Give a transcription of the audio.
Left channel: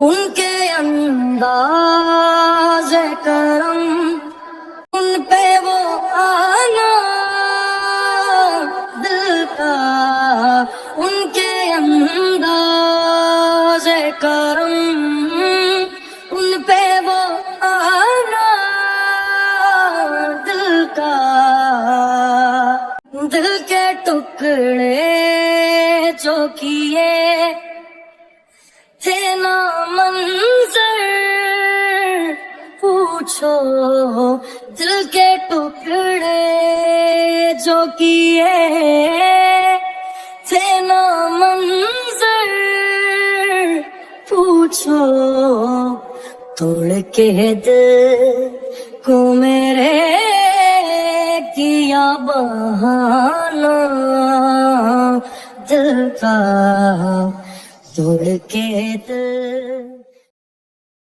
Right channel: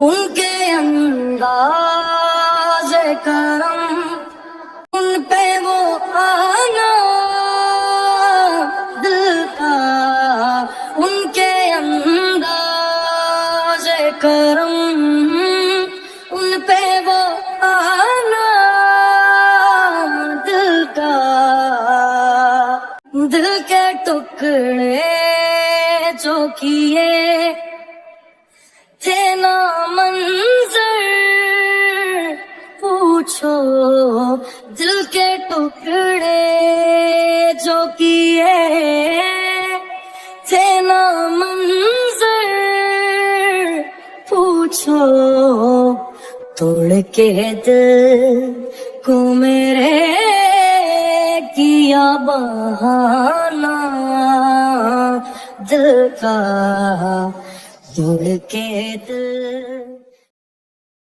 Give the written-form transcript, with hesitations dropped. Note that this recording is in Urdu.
ان کے انداز کرم، ان پہ وہ آنا دل کا، ان کے انداز کرم، ان پہ وہ آنا دل کا، دل کے ٹکڑے جو کیے تھے نا منظر پوچھو، دل کے ٹکڑے جو کیے تھے نا منظر پوچھو، توڑ کے دل کو میرے کیا بہانا دل کا، توڑ کے دل